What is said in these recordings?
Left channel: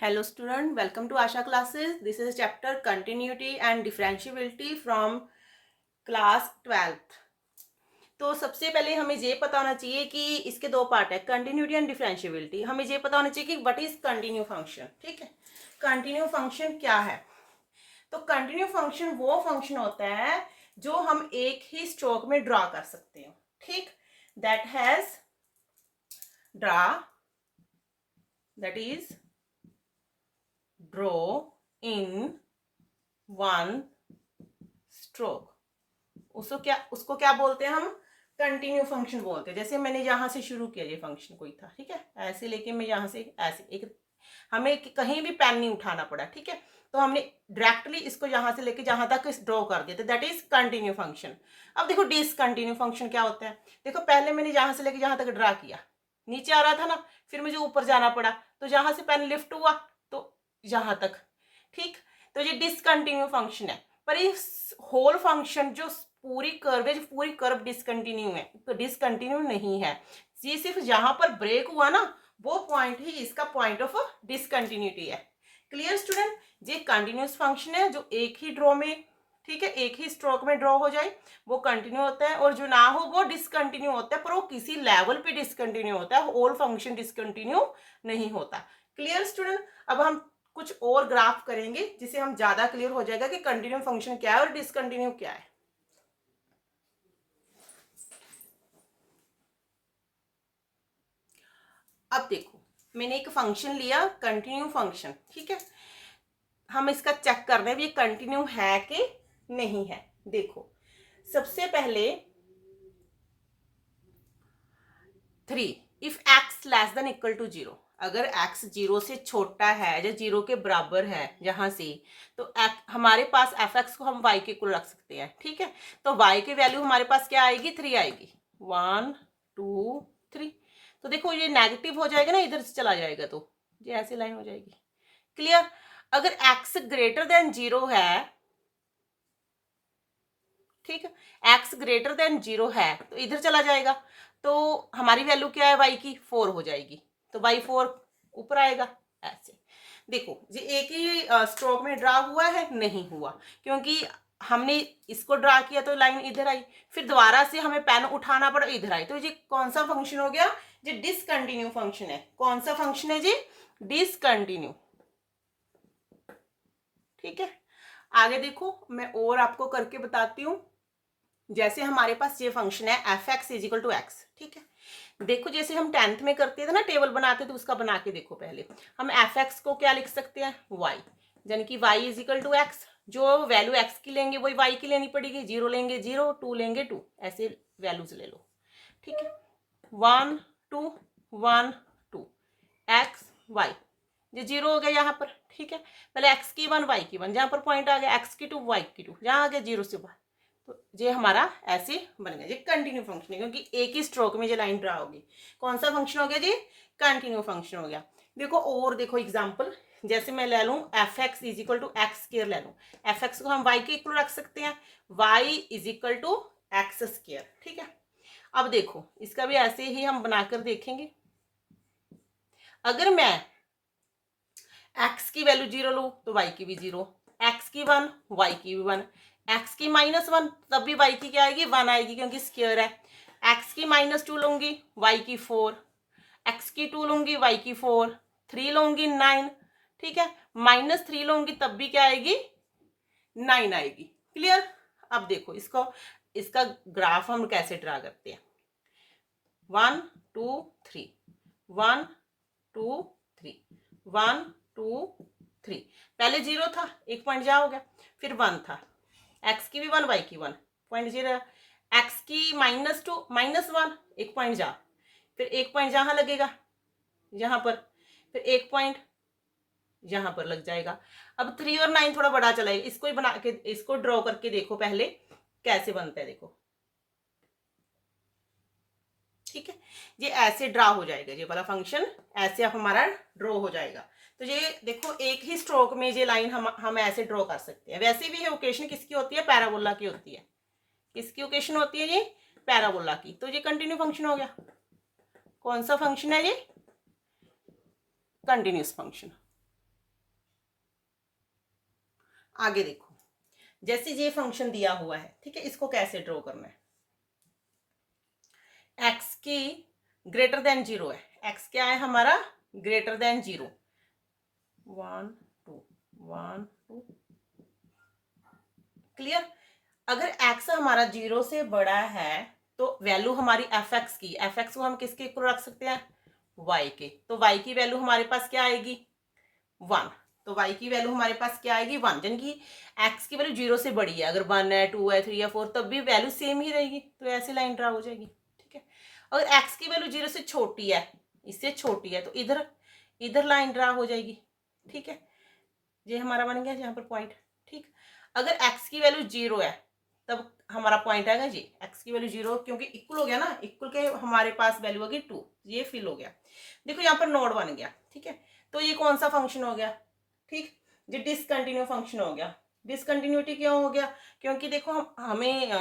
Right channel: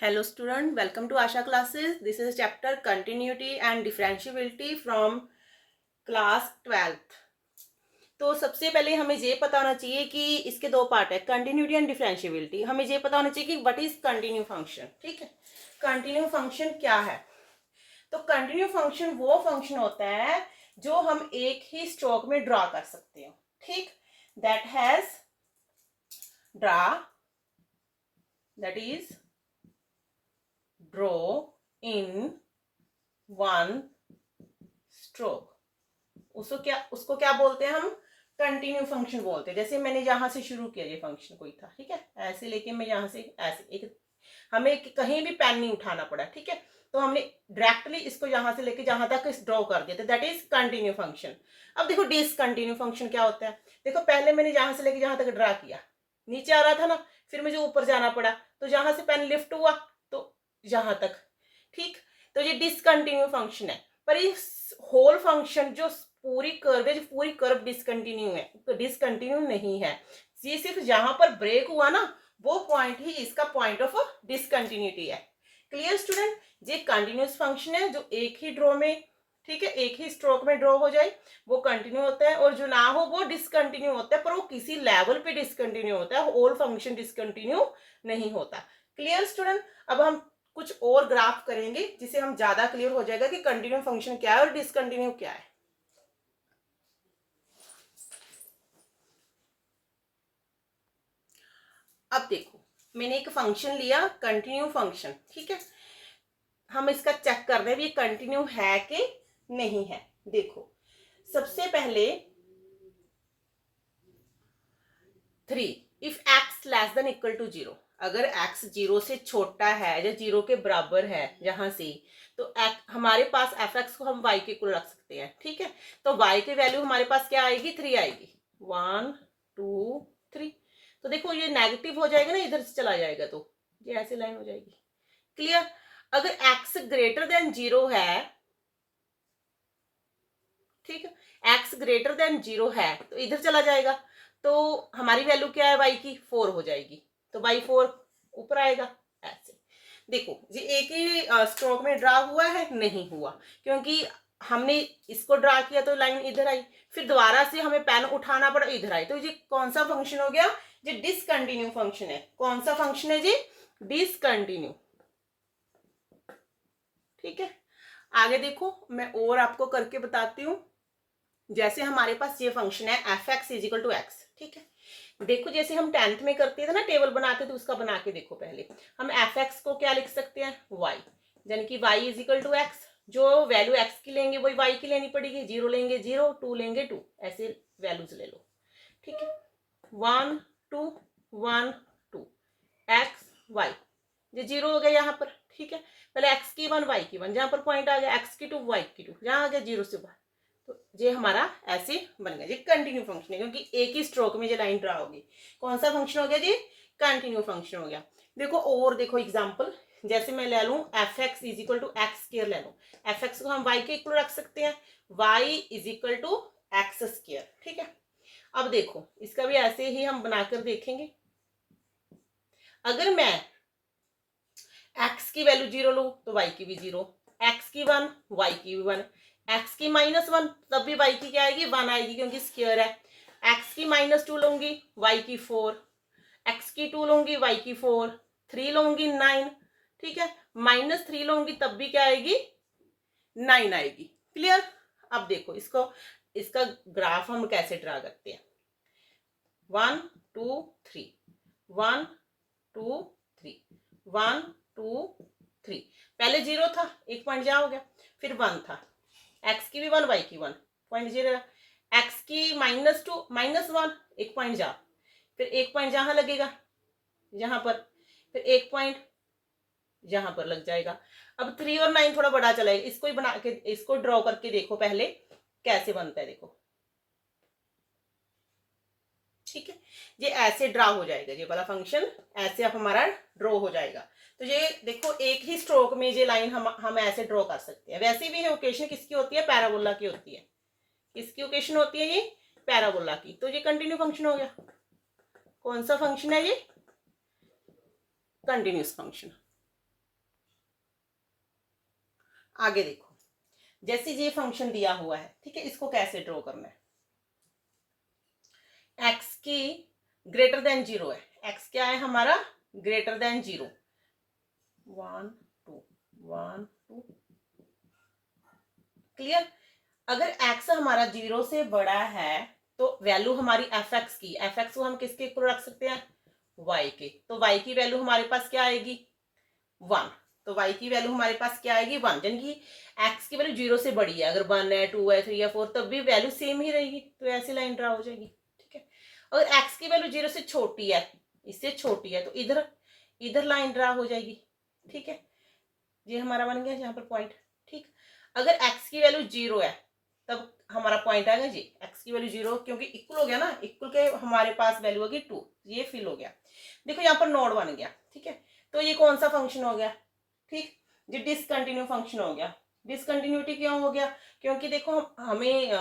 Hello student, welcome to Asha classes. This is chapter continuity and differentiability from class 12th. तो सबसे पहले हमें ये पता होना चाहिए कि इसके दो पार्ट है, कंटिन्यूटी एंड डिफरेंशिएबिलिटी। हमें ये पता होना चाहिए कि व्हाट इज कंटिन्यू फंक्शन। ठीक है, कंटिन्यू फंक्शन क्या है? तो कंटिन्यू फंक्शन वो फंक्शन होता है जो हम एक ही स्ट्रोक में ड्रॉ कर सकते हो। ठीक, that has draw, that is draw in one stroke। उसको क्या बोलते हैं हम? कंटिन्यू फंक्शन बोलते हैं। जैसे मैंने यहां से शुरू किया, ये फंक्शन कोई था, ठीक है, ऐसे लेके मैं यहां से ऐसे एक, हमें कहीं भी पेन नहीं उठाना पड़ा, ठीक है, तो हमने डायरेक्टली इसको यहां से लेके जहां तक ड्रॉ कर दिया, तो दैट इज कंटिन्यू फंक्शन। अब देखो डिसकंटिन्यू फंक्शन क्या होता है। देखो पहले मैंने यहां से लेके जहां तक ड्रा किया, नीचे आ रहा था ना, फिर मुझे ऊपर जाना पड़ा, तो जहां से पेन लिफ्ट हुआ तो यहां तक। ठीक, तो ये डिसकंटिन्यू फंक्शन है। पर इस होल फंक्शन जो पूरी कर्व डिसकंटिन्यू है, तो डिसकंटिन्यू नहीं है। ये सिर्फ जहां पर ब्रेक हुआ ना, वो पॉइंट ही इसका पॉइंट ऑफ डिसकंटिन्यूटी है। Clear student? ये कंटिन्यूस फंक्शन है जो एक ही ड्रॉ में, ठीक है, एक ही स्ट्रोक में ड्रॉ हो जाए वो कंटिन्यू होता है, और जो ना हो वो डिसकंटिन्यू होता है, पर वो किसी लेवल पे डिसकंटिन्यू होता है, होल फंक्शन डिसकंटिन्यू नहीं होता। Clear student? अब हम कुछ और ग्राफ करेंगे जिससे हम ज्यादा क्लियर हो जाएगा कि कंटिन्यू फंक्शन क्या है और डिसकंटिन्यू क्या है। अब देखो, मैंने एक फंक्शन लिया कंटिन्यू फंक्शन, ठीक है, हम इसका चेक कर रहे हैं ये कंटिन्यू है कि नहीं है। देखो सबसे पहले 3, if x less than equal to 0, अगर x 0 से छोटा है या 0 के बराबर है जहां से, तो हमारे पास fx को हम y के इक्वल रख सकते हैं। ठीक है, तो y की वैल्यू हमारे पास क्या आएगी? 3 आएगी। 1 2 3। तो देखो ये नेगेटिव हो जाएगा ना, इधर से चला जाएगा तो ये ऐसे लाइन हो जाएगी। क्लियर? अगर x ग्रेटर देन 0 है, ठीक है, x ग्रेटर देन 0 है तो इधर चला जाएगा, तो हमारी वैल्यू क्या है y की? 4 हो जाएगी, तो y 4 ऊपर आएगा। ऐसे देखो ये एक ही स्ट्रोक में ड्रा हुआ है? नहीं हुआ, क्योंकि हमने इसको ड्रा किया तो लाइन इधर आई, फिर दोबारा से हमें पेन उठाना पड़ा, इधर आई, तो ये कौन सा फंक्शन हो गया? ये डिसकंटिन्यू फंक्शन है। कौन सा फंक्शन है जी? डिसकंटिन्यू। ठीक है, आगे देखो मैं और आपको करके बताती हूँ। जैसे हमारे पास ये फंक्शन है f x is equal to x, ठीक है, देखो जैसे हम 10th में करते थे ना, टेबल बनाते थे, उसका बना के देखो। पहले हम एफ एक्स को क्या लिख सकते हैं? वाई, यानी कि वाई इजिकल टू एक्स, जो वैल्यू एक्स की लेंगे वही वाई की लेनी पड़ेगी। 0 लेंगे 0, 2 लेंगे 2, ऐसे वैल्यूज ले लो। ठीक है, 1 2 1 2 एक्स वाई, ये 0 हो गया यहाँ पर। ठीक है, पहले एक्स की 1 वाई की 1, जहां पर पॉइंट आ गया एक्स की 2 वाई की 2, जहां आ गया 0 से 1, तो ये हमारा ऐसे बन गया। ये कंटिन्यू फंक्शन है, क्योंकि एक ही स्ट्रोक में ये लाइन ड्रा होगी। कौन सा फंक्शन हो गया जी? कंटिन्यू फंक्शन हो गया। देखो और देखो एग्जांपल, जैसे मैं ले लूं f x is equal to x square ले लूं, एफ एक्स को हम वाई के इक्वल रख सकते हैं, y is equal to x square. ठीक है, अब देखो इसका भी ऐसे ही हम बनाकर देखेंगे। अगर मैं एक्स की वैल्यू 0 लूं तो वाई की भी 0, एक्स की 1 वाई की भी 1, एक्स की -1 तब भी वाई की क्या आएगी? 1 आएगी, क्योंकि स्क्वायर है। एक्स की -2 लूंगी, वाई की 4, एक्स की 2 लूंगी, वाई की 4, 3 लूंगी 9, ठीक है, -3 लूंगी तब भी क्या आएगी? 9 आएगी। क्लियर? अब देखो इसका ग्राफ हम कैसे ड्रा करते हैं। 1 2 3 1 2 3 1 2 3, पहले 0 था, एक पॉइंट जा हो गया, फिर 1 था, एक्स की भी 1 वाई की 1, पॉइंट 0, एक्स की -2 -1, एक पॉइंट जा, फिर एक पॉइंट जहां लगेगा यहाँ पर, फिर एक पॉइंट यहाँ पर लग जाएगा। अब 3 और 9 थोड़ा बड़ा चलाएगा, इसको ही बना के, इसको ड्रॉ करके देखो पहले कैसे बनता है। देखो ठीक है, ये ऐसे ड्रा हो जाएगा, ये वाला फंक्शन ऐसे हमारा ड्रॉ हो जाएगा। तो ये देखो एक ही स्ट्रोक में ये लाइन हम ऐसे ड्रॉ कर सकते हैं। वैसे भी ये ओकेशन किसकी होती है? पैराबोला की होती है। किसकी ओकेशन होती है? ये पैराबोला की। तो ये कंटिन्यू फंक्शन हो गया। कौन सा फंक्शन है ये? Continuous function. आगे देखो, जैसे ये फंक्शन दिया हुआ है, ठीक है, इसको कैसे ड्रॉ करना है। एक्स की ग्रेटर देन 0 है, एक्स क्या है हमारा, ग्रेटर देन 0, 1 2 1 2, क्लियर। अगर x हमारा 0 से बड़ा है तो वैल्यू हमारी एफ एक्स की, एफ एक्स को हम किसके इक्वल रख सकते हैं, y के, तो y की वैल्यू हमारे पास क्या आएगी, 1, तो y की वैल्यू हमारे पास क्या आएगी, 1, यानी कि x की वैल्यू 0 से बड़ी है, अगर 1 है 2 है 3 है 4 तब भी वैल्यू सेम ही रहेगी, तो ऐसी लाइन ड्रा हो जाएगी, ठीक है। अगर x की वैल्यू 0 से छोटी है, इससे छोटी है, तो इधर इधर लाइन ड्रा हो जाएगी, ठीक है, ये हमारा बन गया यहाँ पर पॉइंट, ठीक। अगर x की वैल्यू 0 है तब हमारा पॉइंट आएगा जी, x की वैल्यू 0, क्योंकि इक्वल हो गया ना, इक्वल के हमारे पास वैल्यू होगी 2, ये फिल हो गया। देखो यहाँ पर नोड बन गया, ठीक है, तो ये कौन सा फंक्शन हो गया, ठीक, ये डिसकंटिन्यू फंक्शन हो गया। डिसकंटिन्यूटी क्यों हो गया, क्योंकि देखो हमें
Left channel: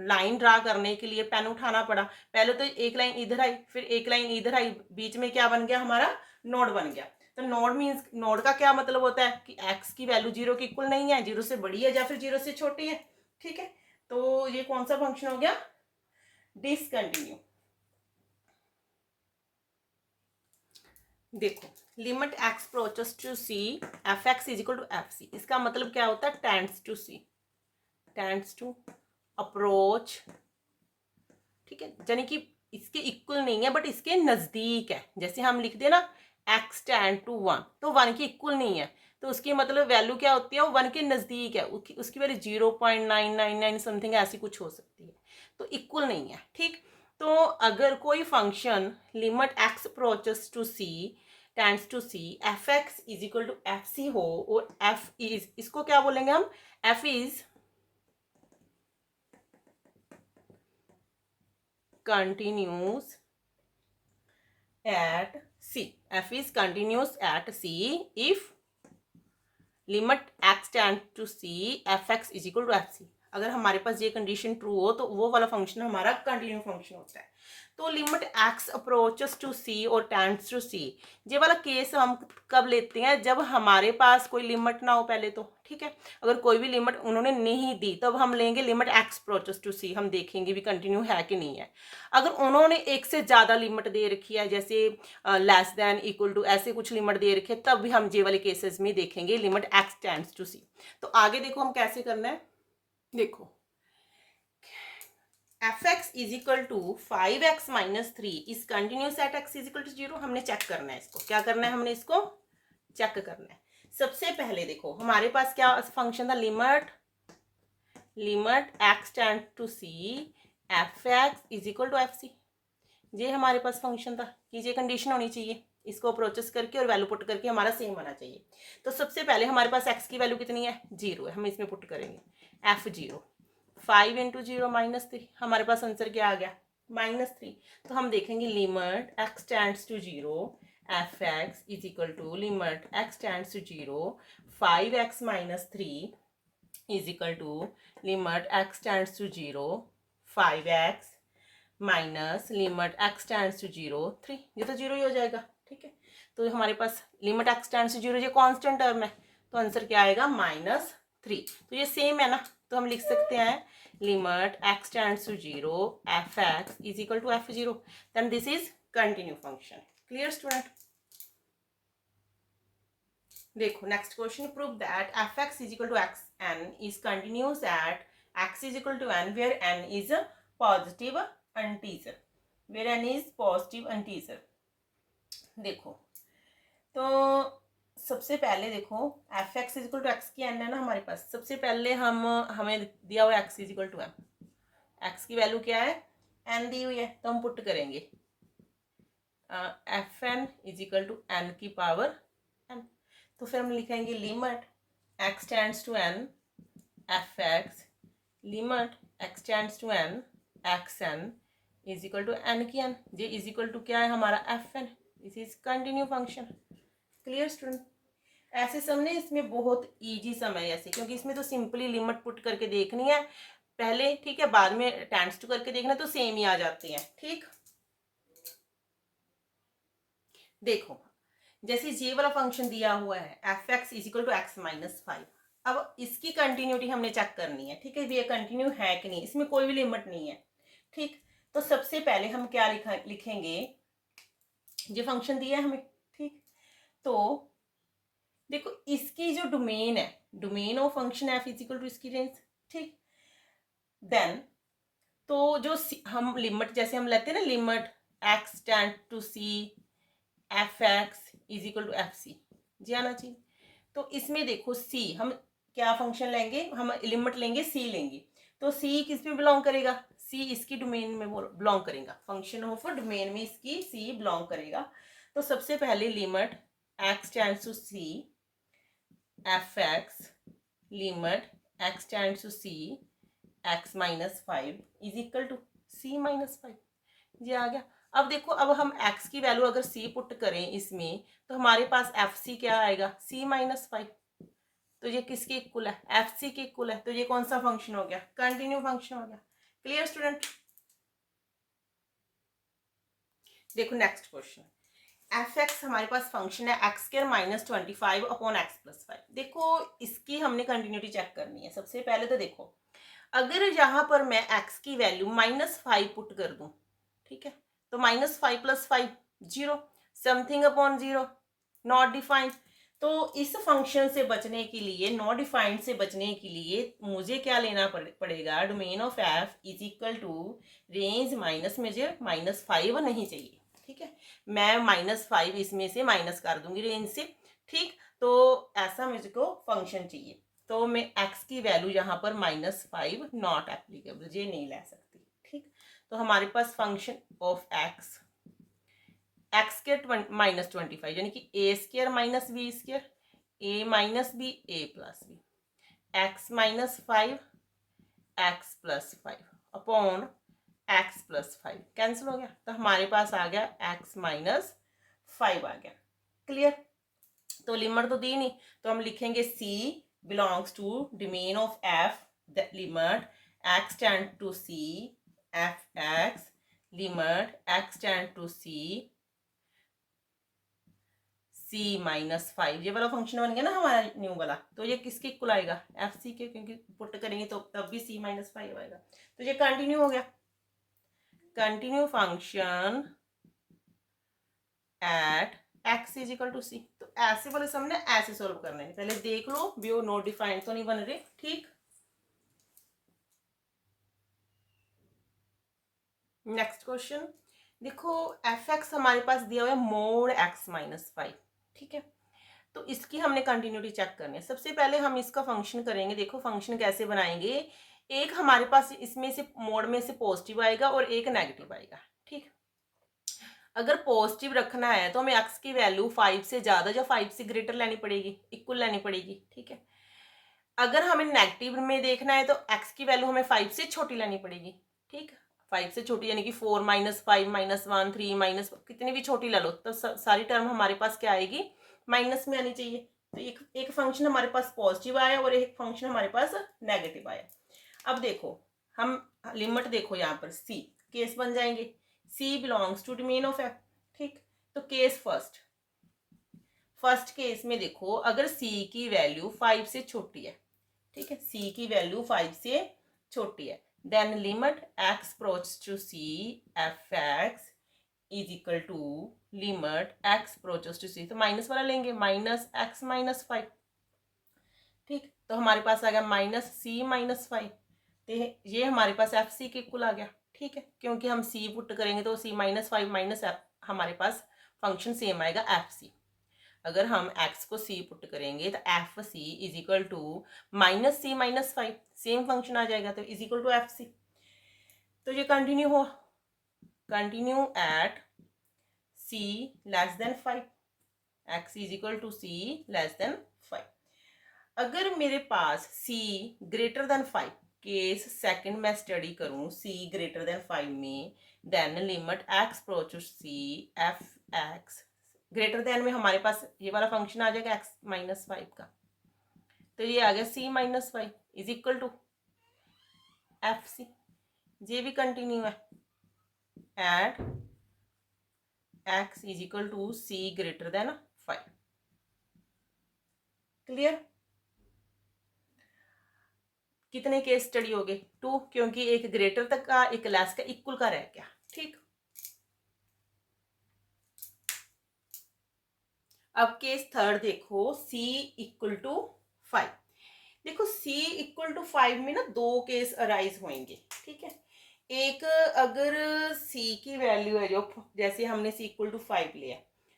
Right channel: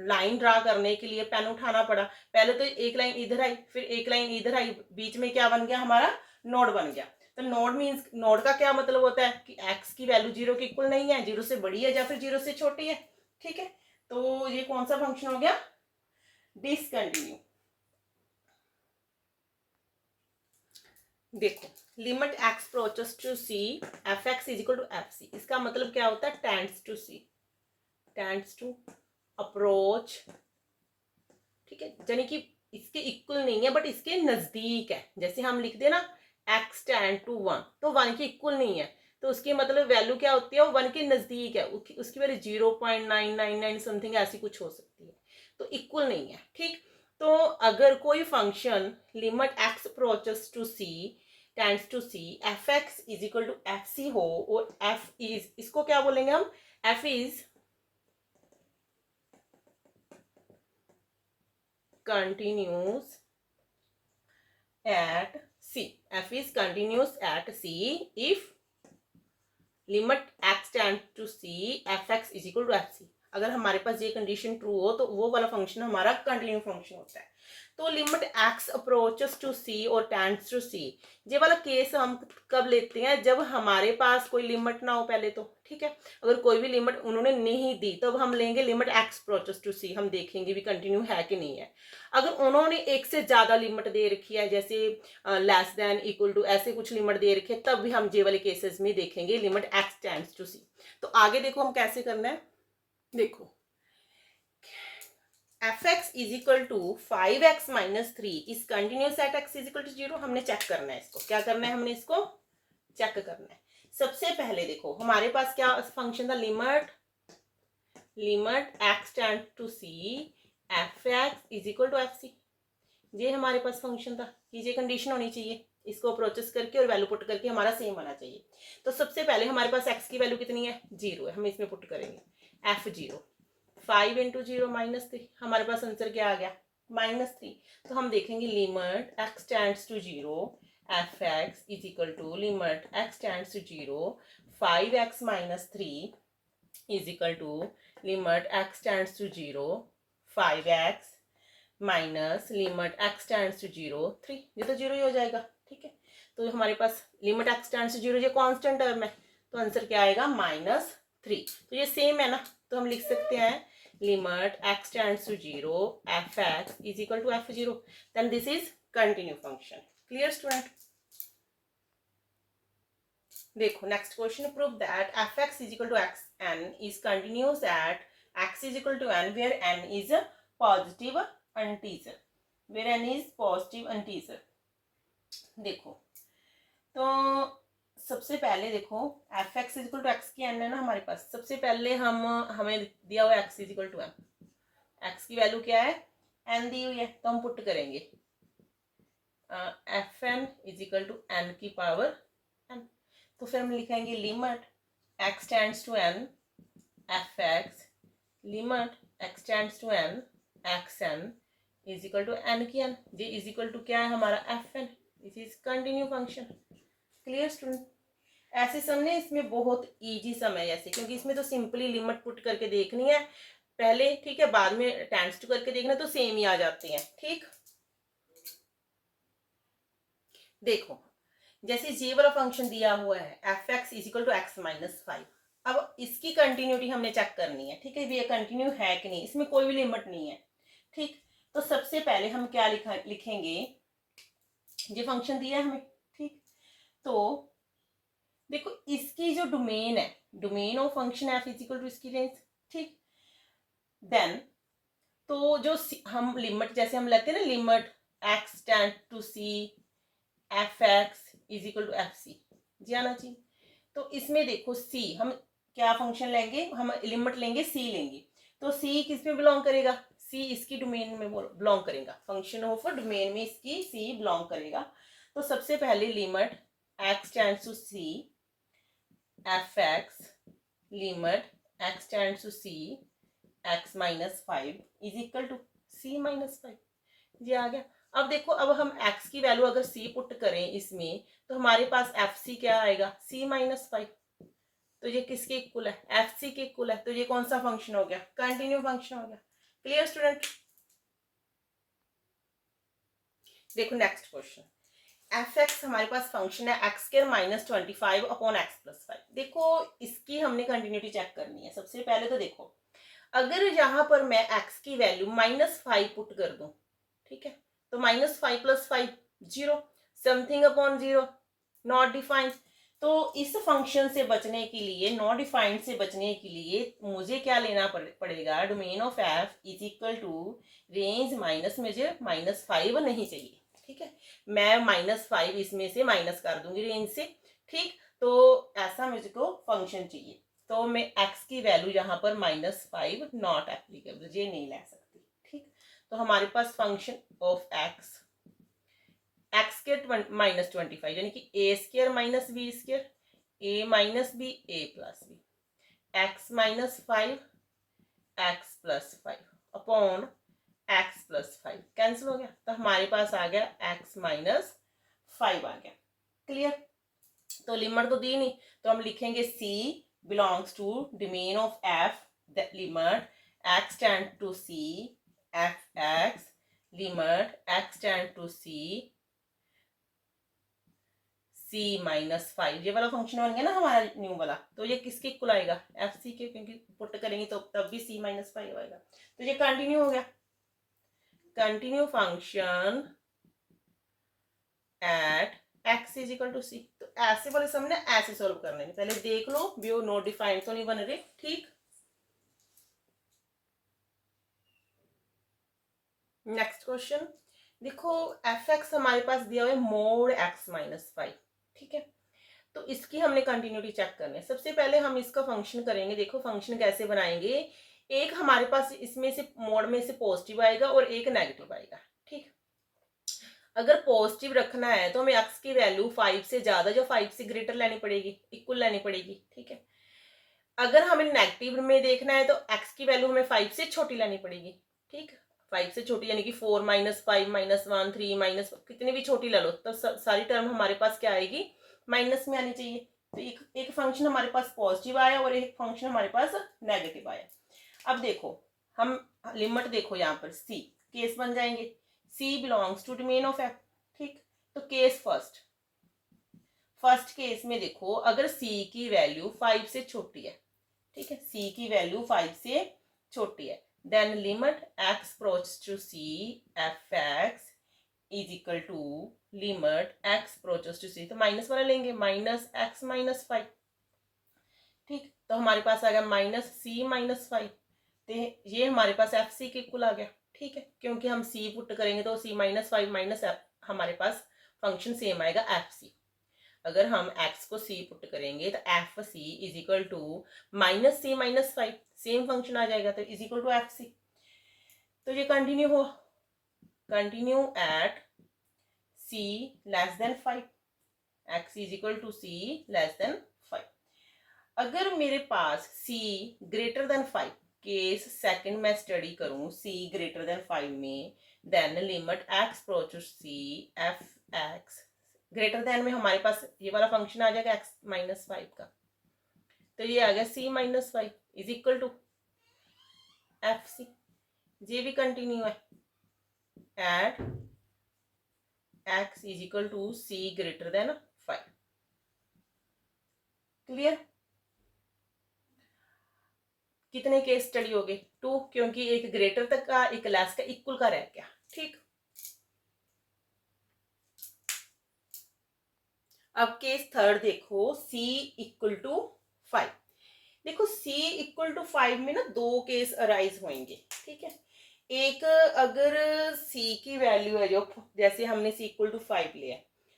लाइन ड्रा करने के लिए पेन उठाना पड़ा, पहले तो एक लाइन इधर आई, फिर एक लाइन इधर आई, बीच में क्या बन गया हमारा, नोड बन गया। तो नोड मीन्स, नोड का क्या मतलब होता है कि x की वैल्यू 0 के इक्वल नहीं है, 0 से बड़ी है या फिर 0 से छोटी है, ठीक है। तो ये कौन सा फंक्शन हो गया, डिसकंटिन्यू। देखो, limit x approaches to c f x is equal to f c, इसका मतलब क्या होता है, tends to c, tends to approach, ठीक है, यानी कि इसके इक्वल नहीं है बट इसके नजदीक है। जैसे हम लिखते हैं ना x टेंड टू 1, तो 1 के इक्वल नहीं है, तो उसकी मतलब वैल्यू क्या होती है, वो 1 के नजदीक है, उसकी वैल्यू 0.999 समथिंग ऐसी कुछ हो सकती है, तो इक्वल नहीं है, ठीक। तो अगर कोई function limit x approaches to c tends to c f x is equal to f c हो, और एफ इज, इसको क्या बोलेंगे हम, f is continues at c, f is continuous at c if limit x tends to c fx is equal to fc। अगर हमारे पास ये condition true हो तो वो वाला फंक्शन हमारा कंटिन्यू फंक्शन होता है। तो limit x approaches to c और टेंड्स टू c, ये वाला केस हम कब लेते हैं, जब हमारे पास कोई लिमिट ना हो पहले तो, ठीक है। अगर कोई भी लिमिट उन्होंने नहीं दी तब हम लेंगे limit x approaches to c, हम देखेंगे भी कंटिन्यू है कि नहीं है। अगर उन्होंने एक से ज़्यादा लिमिट दे रखी है, जैसे लेस देन इक्वल टू ऐसे कुछ लिमिट दे रखी है, तब भी हम ये वाले केसेस में देखेंगे limit x tends to c। तो आगे देखो हम कैसे करना है, देखो f x is equal to 5x minus 3 is continuous at x is equal to 0, हमने चेक करना है इसको, क्या करना है, हमने इसको चेक करना है। सबसे पहले देखो हमारे पास क्या फंक्शन था, limit x tend to c f x is equal to f c, ये हमारे पास फंक्शन था कि ये कंडीशन होनी चाहिए, इसको अप्रोचेस करके और वैल्यू पुट करके हमारा सेम आना चाहिए। तो सबसे पहले हमारे पास x की वैल्यू कितनी है, 0 है, हम इसमें पुट करेंगे एफ 0, 5 इंटू 0 माइनस 3, हमारे पास आंसर क्या आ गया, -3। तो हम देखेंगे limit x tends to 0 f x is equal to limit x tends to 0 5x minus 3 is equal to limit x tends to 0 5x minus limit x tends to 0 3, ये तो 0 ही हो जाएगा, ठीक है। तो हमारे पास लिमिट x टेंड्स टू 0 ये constant term है, तो आंसर क्या आएगा, -3। तो ये सेम है ना, तो हम लिख सकते हैं limit x tends to 0 f x is equal to f 0, then this is continue function. Clear student. देखो next question, prove that f x is equal to x n is continuous at x is equal to n where n is positive integer, where n is positive integer. देखो तो सबसे पहले देखो f x is equal to x की n है ना हमारे पास, सबसे पहले हमें दिया हुआ x is equal to n, x की वैल्यू क्या है, एन दी हुई है, तो हम पुट करेंगे f n is equal to n की पावर एन। तो फिर हम लिखेंगे limit x tends to n f x limit x tends to n x n is equal to n की एन, ये इज इक्वल टू क्या है हमारा f n, this is continue function. Clear student. ऐसे समझे, इसमें बहुत इजी सम है ऐसे, क्योंकि इसमें तो सिंपली लिमिट पुट करके देखनी है पहले, ठीक है, बाद में टेंड्स टू करके देखना तो सेम ही आ जाते हैं, ठीक। देखो जैसे ये वाला फंक्शन दिया हुआ है f x is equal to x minus 5, अब इसकी कंटिन्यूटी हमने चेक करनी है, ठीक है, ये कंटिन्यू है कि नहीं, इसमें कोई भी लिमिट नहीं है, ठीक। तो सबसे पहले हम क्या लिखेंगे, ये फंक्शन दिया है हमें, ठीक। तो देखो इसकी जो डोमेन है, domain of function f is equal to इसकी रेंज, ठीक। देन तो जो हम लिमिट जैसे हम लेते हैं ना, limit x tend to c f x is equal to f c, जी आना चाहिए। तो इसमें देखो सी, हम क्या फंक्शन लेंगे, हम लिमिट लेंगे सी लेंगे, तो सी किस में बिलोंग करेगा, सी इसकी डोमेन में बिलोंग करेगा, फंक्शन ऑफ डोमेन में इसकी सी बिलोंग करेगा। तो सबसे पहले limit x tends to c f x, limit x tends to c x minus 5 is equal to c minus 5, ये आ गया। अब देखो, अब हम x की वैल्यू अगर c पुट करें इसमें, तो हमारे पास एफ सी क्या आएगा, c माइनस 5। तो ये किसके इक्वल है, एफ सी के इक्वल है। तो ये कौन सा फंक्शन हो गया, कंटिन्यू फंक्शन हो गया। Clear student. देखो नेक्स्ट क्वेश्चन, एफ एक्स हमारे पास फंक्शन है x square minus 25 upon x plus 5। देखो इसकी हमने कंटिन्यूटी चेक करनी है। सबसे पहले तो देखो, अगर यहाँ पर मैं x की वैल्यू -5 पुट कर दूं, ठीक है, तो -5 + 5 0, समथिंग अपॉन 0, नॉट डिफाइंड। तो इस फंक्शन से बचने के लिए, नॉट डिफाइंड से बचने के लिए मुझे क्या लेना पड़ेगा, domain of f is equal to range minus, मुझे -5 नहीं चाहिए, ठीक है, मैं -5 इसमें से माइनस कर दूंगी रेंज से, ठीक। तो ऐसा मुझको फंक्शन चाहिए। तो मैं x की वैल्यू यहाँ पर -5 नॉट एप्लीकेबल, ये नहीं ले सकती, ठीक। तो हमारे पास function of x square minus 25 यानी कि a square minus b square, a minus b a plus b, x minus 5 x plus 5 upon x plus 5 cancel हो गया। तो हमारे पास आ गया x माइनस 5 आ गया। क्लियर। तो लिमिट तो दी नहीं, तो हम लिखेंगे c belongs to domain of f, the limit x tend to c f x, limit x tend to c c minus 5, ये वाला फंक्शन बन गया ना हमारा न्यू वाला। तो ये किसके इक्वल आएगा, एफ सी के, क्योंकि पुट करेंगे तो तब भी c माइनस 5 आएगा। तो ये कंटिन्यू हो गया, continue function at x is equal to c. तो ऐसे वाले सम ने ऐसे सॉल्व करने हैं, पहले देख लो भी वो नोट डिफाइंड तो नहीं बन रहे, ठीक। नेक्स्ट क्वेश्चन देखो, एफ एक्स हमारे पास दिया हुआ है मोड x माइनस 5, ठीक है। तो इसकी हमने कंटिन्यूटी चेक करनी है। सबसे पहले हम इसका फंक्शन करेंगे। देखो फंक्शन कैसे बनाएंगे, एक हमारे पास इसमें से मोड में से पॉजिटिव आएगा और एक नेगेटिव आएगा, ठीक। अगर पॉजिटिव रखना है तो हमें x की वैल्यू 5 से ज़्यादा या 5 से ग्रेटर लेनी पड़ेगी, इक्वल लेनी पड़ेगी, ठीक है। अगर हमें नेगेटिव में देखना है तो x की वैल्यू हमें 5 से छोटी लेनी पड़ेगी, ठीक। 5 से छोटी यानी कि 4 - 5 -1 3 माइनस कितनी भी छोटी ले लो, तो सारी टर्म हमारे पास क्या आएगी, माइनस में आनी चाहिए। तो एक फंक्शन हमारे पास पॉजिटिव आया और एक फंक्शन हमारे पास नेगेटिव आया। अब देखो हम लिमिट देखो यहाँ पर c केस बन जाएंगे, c belongs to domain of f, ठीक। तो केस फर्स्ट केस में देखो, अगर c की वैल्यू 5 से छोटी है, ठीक है, c की वैल्यू 5 से छोटी है, then limit x approach to c f x is equal to limit x approaches to c, तो माइनस वाला लेंगे, माइनस x माइनस 5, ठीक। तो हमारे पास आ गया माइनस c माइनस 5, तो ये हमारे पास एफ सी के इक्वल आ गया, ठीक है, क्योंकि हम c पुट करेंगे तो c माइनस 5 माइनस एफ, हमारे पास फंक्शन सेम आएगा एफ सी। अगर हम x को c पुट करेंगे तो f c is equal to minus c minus 5, same function आ जाएगा, तो is equal to f c. तो ये कंटिन्यू हो, continue at c less than 5, x is equal to c less than 5। अगर मेरे पास c greater than 5, case second मैं स्टडी करूं c ग्रेटर देन 5 में, then limit x approaches c f x greater than में हमारे पास ये वाला फंक्शन आ जाएगा x माइनस 5 का, तो ये आ गया c minus 5 is equal to f c. ये भी कंटिन्यू है at x is equal to c greater than 5। Clear. कितने केस स्टडी हो गए? 2, क्योंकि एक ग्रेटर तक का एक लेस का इक्वल का रह गया। ठीक, अब केस थर्ड देखो, c इक्वल टू 5। देखो c इक्वल टू 5 में ना दो केस अराइज होंगे। ठीक है, एक अगर c की वैल्यू है जो, जैसे हमने c इक्वल टू 5 लिया,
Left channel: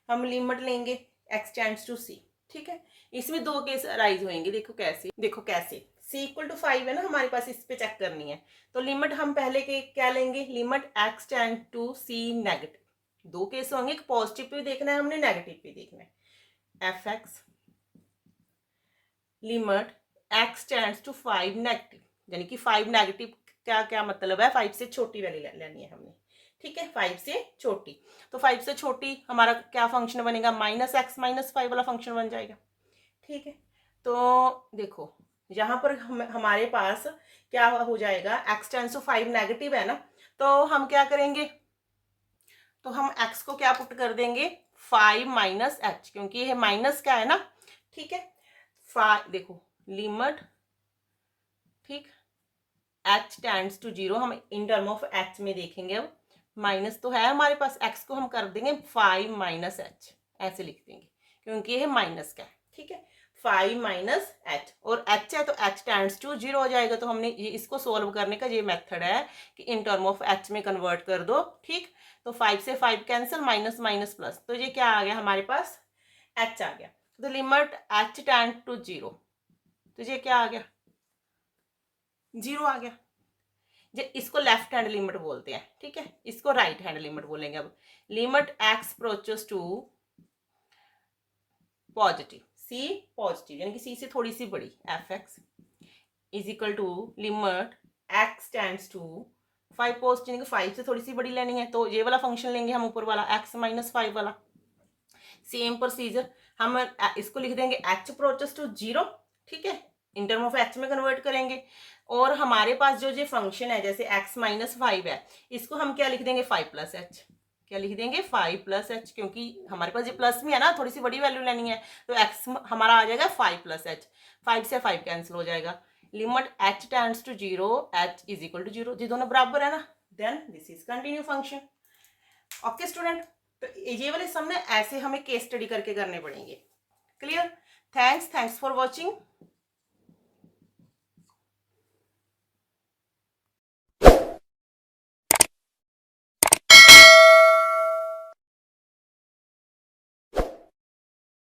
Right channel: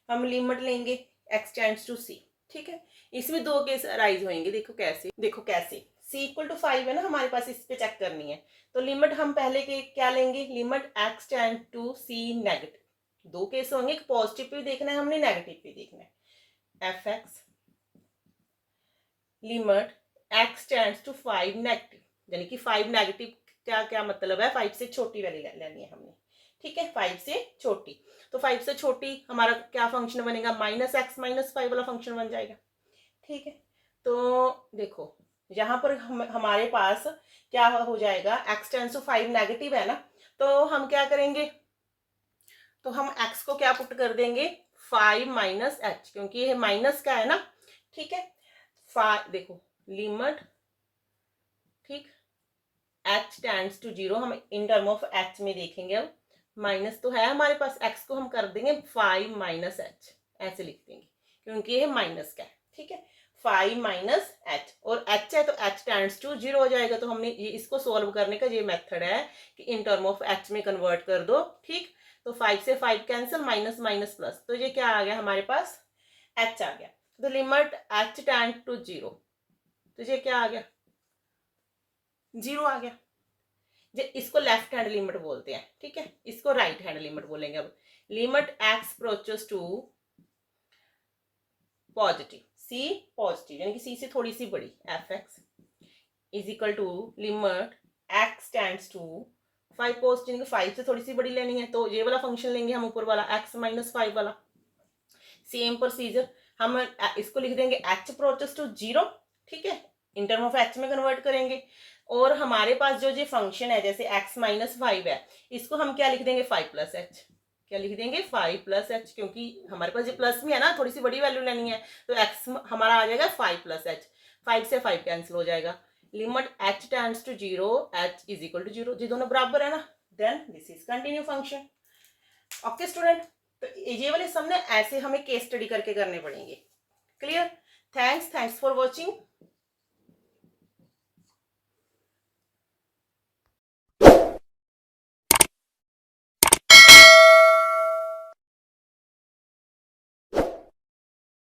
हम लिमिट लेंगे x टेंड्स टू c। ठीक है, इसमें दो केस अराइज होंगे। देखो कैसे, देखो कैसे, c इक्वल टू 5 है ना हमारे पास, इस पे चेक करनी है। तो लिमिट हम पहले के क्या लेंगे, limit x tend to c negative. दो केस होंगे, एक पॉजिटिव पे देखना है हमने, नेगेटिव पे देखना है। F x limit x tends to 5 negative, यानी कि 5 नेगेटिव क्या क्या मतलब है, 5 से छोटी वैल्यू लेनी है हमने। ठीक है, 5 से छोटी, तो 5 से छोटी हमारा क्या फंक्शन बनेगा, माइनस एक्स माइनस 5 वाला फंक्शन बन जाएगा। ठीक है, तो देखो यहाँ पर हमारे पास क्या हो जाएगा, एक्स टेंड्स टू 5 नेगेटिव है ना, तो हम क्या करेंगे, तो हम x को क्या पुट कर देंगे, 5 माइनस एच, क्योंकि ये माइनस का है ना। ठीक है, देखो लिमिट, ठीक, h टेंड्स टू 0, हम इन टर्म ऑफ h में देखेंगे। अब माइनस तो है हमारे पास, x को हम कर देंगे 5 माइनस एच, ऐसे लिख देंगे क्योंकि ये माइनस का है। ठीक है, 5 माइनस एच, और h है तो h टेंड्स टू 0 हो जाएगा। तो हमने ये इसको सोल्व करने का ये मेथड है कि इन टर्म ऑफ h में कन्वर्ट कर दो। ठीक, तो 5 से 5 कैंसिल, माइनस माइनस प्लस, तो ये क्या आ गया हमारे पास, h आ गया। तो लिमिट h टेंड टू 0, तो ये क्या आ गया, 0 आ गया। ये इसको लेफ्ट हैंड लिमिट बोलते हैं। ठीक है, इसको राइट हैंड लिमिट बोलेंगे। अब limit x approaches to positive, c positive यानी कि c से थोड़ी सी बड़ी, f x is equal to limit x tends to 5 positive, यानी कि 5 से थोड़ी सी बड़ी लेनी है, तो ये वाला फंक्शन लेंगे हम, ऊपर वाला x माइनस 5 वाला। सेम प्रोसीजर, हम इसको लिख देंगे h अप्रोचेस टू 0। ठीक है, इन टर्म ऑफ h में कन्वर्ट करेंगे। और हमारे पास जो ये फंक्शन है, जैसे x माइनस 5 है, इसको हम क्या लिख देंगे, 5 प्लस एच। क्या लिख देंगे, 5 प्लस एच, क्योंकि हमारे पास ये प्लस भी है ना, थोड़ी सी बड़ी वैल्यू लेनी है, तो x हमारा आ जाएगा 5 प्लस एच। 5 से 5 कैंसिल हो जाएगा। Limit h tends to 0, h is equal to 0, ये दोनों बराबर है ना, then this is continue function. Okay student, तो ये वाले सम ना ऐसे हमें केस स्टडी करके करने पड़ेंगे। Clear, thanks for watching.